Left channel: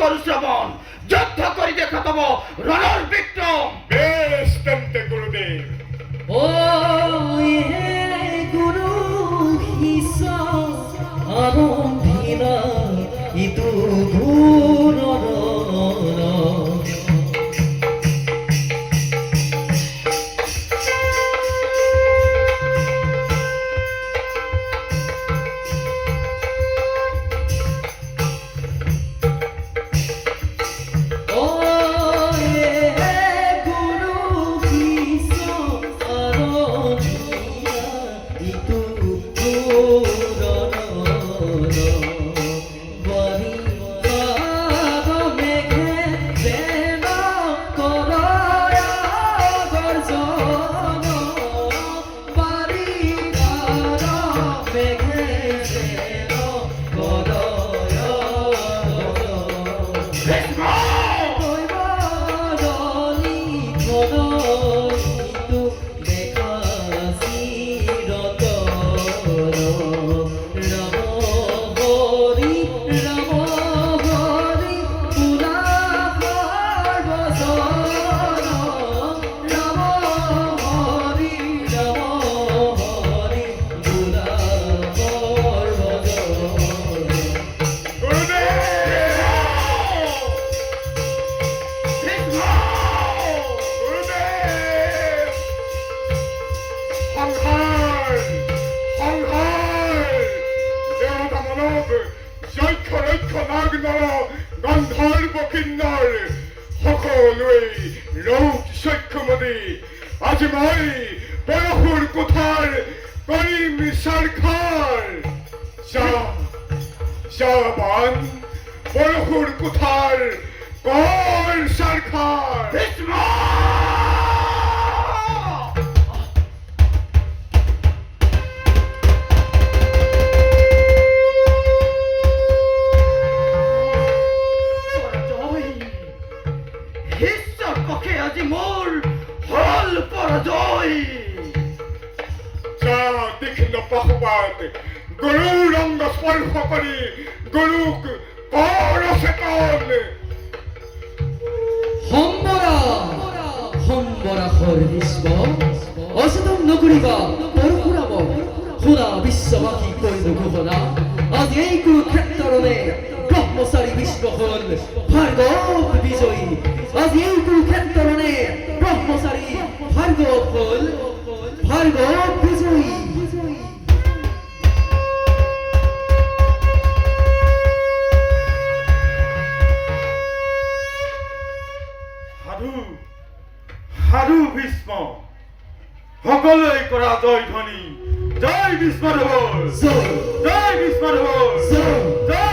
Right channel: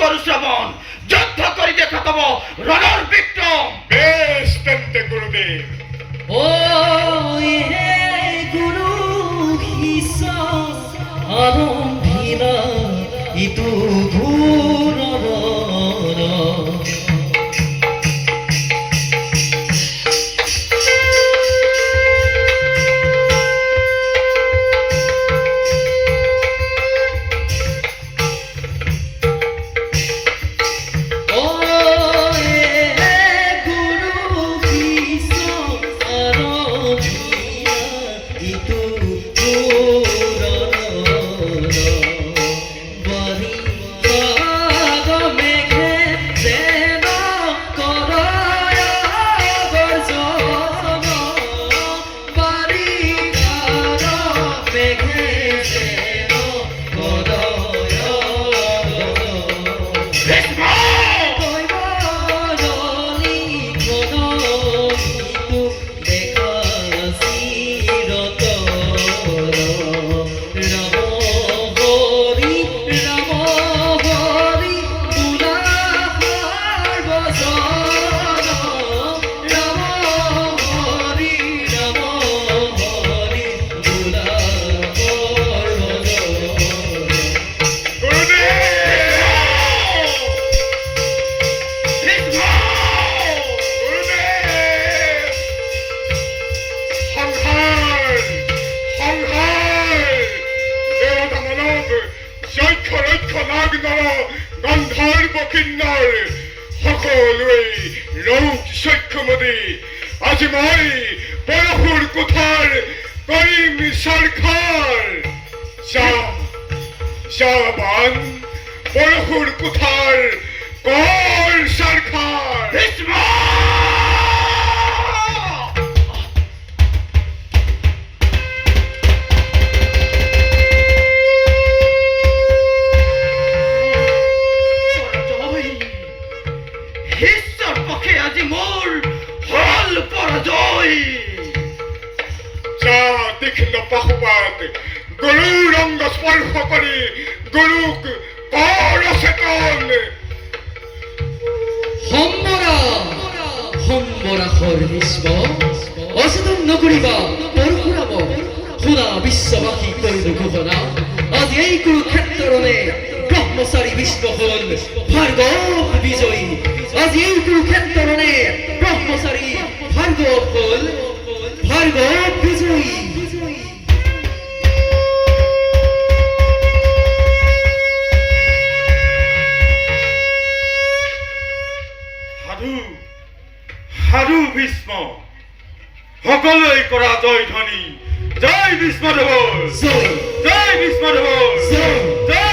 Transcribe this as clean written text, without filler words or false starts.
করু শ্রবণ যুদ্ধ করি দেখাতব রণর বিক্রম। বেশ তেন্তে গুরুদেব। ও হে গুরু হিসা আরম্ভিনা ইতু ঘূরণ গন্ধর্ব কিন্নর সকলোই লোক সক্ষমদে আজ মই বরহুর কোথার করিম সরকার শাহবান বরহুর কোথার কর সরকার। হিস্সার পক্ষে আজি মোর হল পরাজয়। যা দেখিল পক্ষপাত গুরু রঙ্গ স্পর্শ করি গুরুক কর চেতন। সম্বরা সম্বরা হর ভীষ্ম অচেতন নকৰিবা পৰশুৰাম শুনা বিশ্ববাসী কৰিলো ঘোষণা আজি এই কুৰুক্ষেত্ৰৰণে ব্ৰহ্মচাৰী বিষ্ণু হল ভাৰ্গৱ বিজয়ী। আজি এই কুৰুক্ষেত্ৰৰণে ব্ৰহ্মচাৰী ভাৰ্গৱ হল ভাৰ্গৱ বিজয়ী। সাধু সাধু ভীষ্ম সকলোৱে কৰা জয় ধ্বনি জয় ভীষ্মদেৱ জয় জয় ভীষ্মদেৱ জয় জয়